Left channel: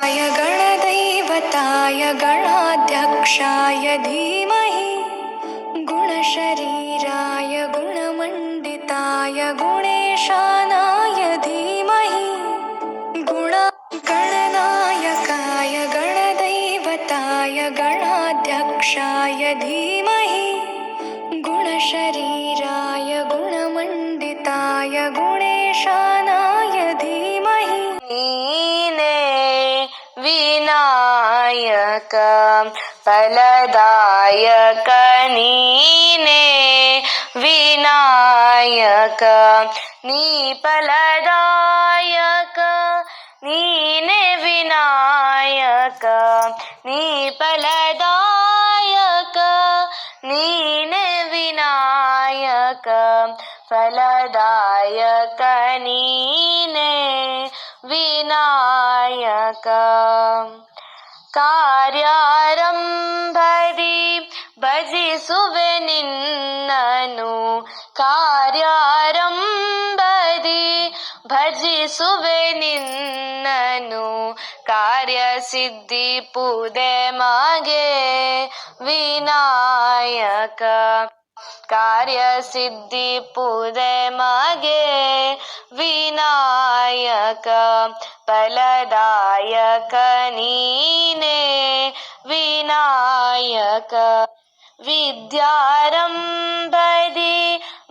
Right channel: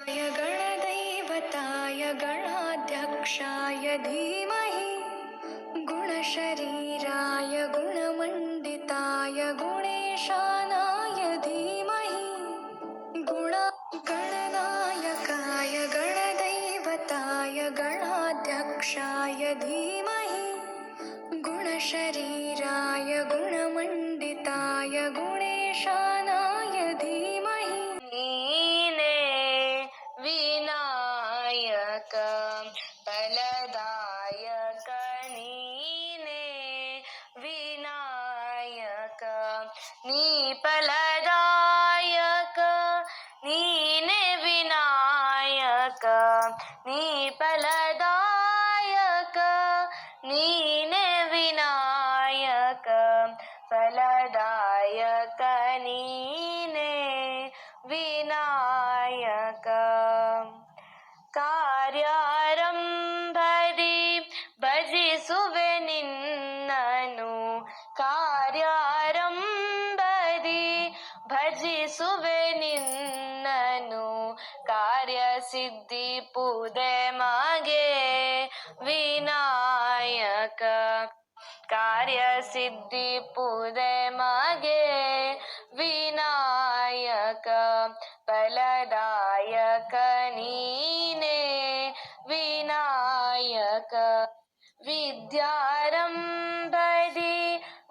गणदैवताय गणाध्यक्षाय धीमहि गुणशरीराय गुणमण्डिताय गुणेशानाय धीमहि गणनायकाय गणदैवताय गणाध्यक्षाय धीमहि गुणशरीराय गुणमण्डिताय गुणेशानाय धीमहि नीने विनायक फलदायक नीने विनायक नी फलदायक नीने विनायक नी फलदायक नीने विनायक फलदायक नीने विनायक ಕಾರ್ಯಾರಂಭದಿ ಭಜಿಸುವೆ ನಿನ್ನನು ಕಾರ್ಯಾರಂಭದಿ ಭಜಿಸುವೆ ನಿನ್ನನು ಕಾರ್ಯಸಿದ್ಧಿ ಪೂದೆ ಮಾಗೆ ವಿನಾಯಕ ಕಾರ್ಯಸಿದ್ಧಿ ಪೂದೆ ಮಾಗೆ ವಿನಾಯಕ ಫಲದಾಯಕ ನೀನೆ ವಿನಾಯಕ ವಿದ್ಯಾರಂಭದಿ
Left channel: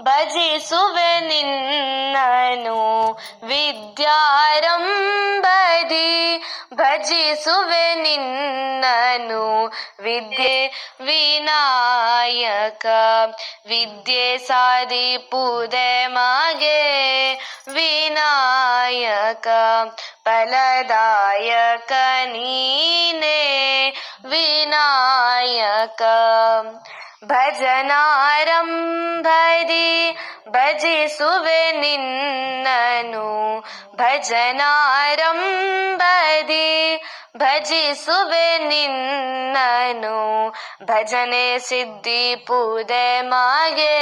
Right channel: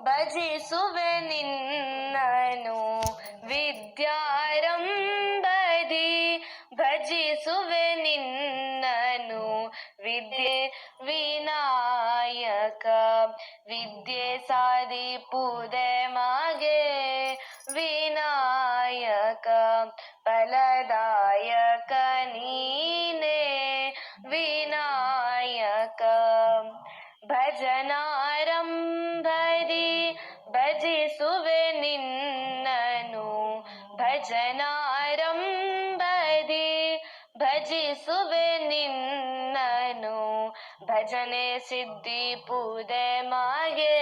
ಭಜಿಸುವೆ ನಿನ್ನನು ವಿದ್ಯಾರಂಭದಿ ಭಜಿಸುವೆ ನಿನ್ನನು ವಿದ್ಯೆ ವಿನಾಯಕ ವಿದ್ಯೆ ಸಾಧಿ ಪೂದೆ ಮಾಗೆ ವಿನಾಯಕ ಫಲದಾಯಕ ನೀನೆ ವಿನಾಯಕ ಭಜನಾರಂಭದಿ ಭಜಿಸುವೆ ನಿನ್ನನು ಭಜನಾರಂಭದಿ ಭಜಿಸುವೆ ನಿನ್ನನು ಭಜನೆ ಸಿದ್ಧಿ ಪೂದೆ ಮಾಗೆ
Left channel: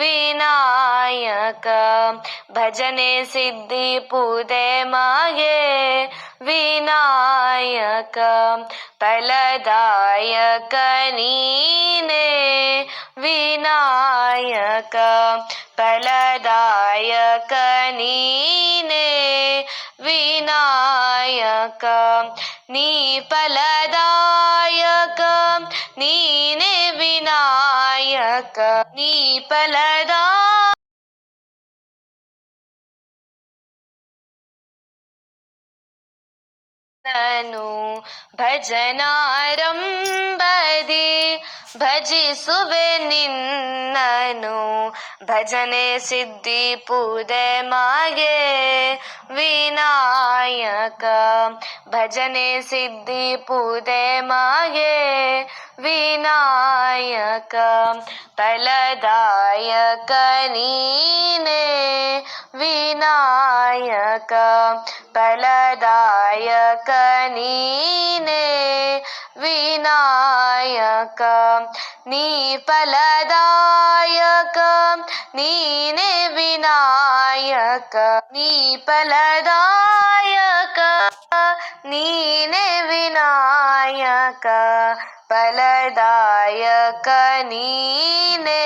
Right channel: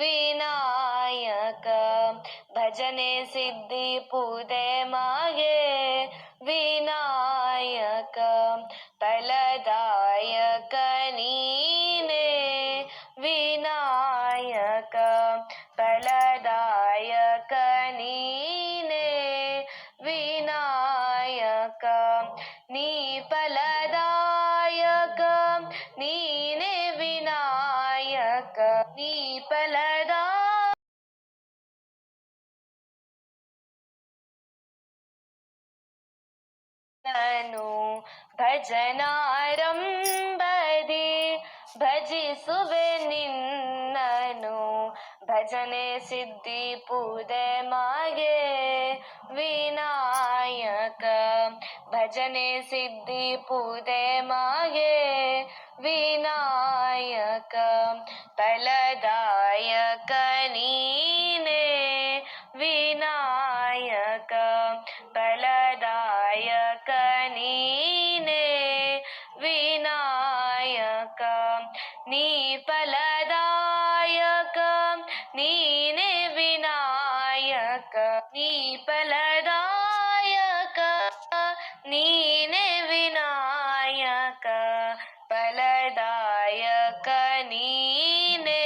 ವಿನಾಯಕ ಭಜನೆ ಸಿದ್ಧಿ ಪೂದೆ ಮಾಗೆ ವಿನಾಯಕ ಫಲದಾಯಕ ನೀನೆ ವಿನಾಯಕ ಫಲದಾಯಕ ನೀನೆ ವಿನಾಯಕ ನೀ ಫಲದಾಯಕ ನೀನೆ ವಿನಾಯಕ ನೀ ಫಲದಾಯಕ ನನು ಭಜನಾರಂಭದಿ ಭಜಿಸುವೆ ನಿನ್ನನು ಭಜನೆ ಸಿದ್ಧಿ ಪೂದೆ ಮಾಗೆ ವಿನಾಯಕ ಭಜನೆ ಸಿದ್ಧಿ ಪೂದೆ ಮಾಗೆ ವಿನಾಯಕ ಫಲದಾಯಕ ನೀನೆ ವಿನಾಯಕ ಫಲದಾಯಕ ನೀನೆ ವಿನಾಯಕ ನೀ ಫಲದಾಯಕ ನೀನೆ ವಿನಾಯಕ ನೀ ಫಲದಾಯಕ ನೀನೆ ವಿನಾಯಕ ಫಲದಾಯಕ ನೀನೆ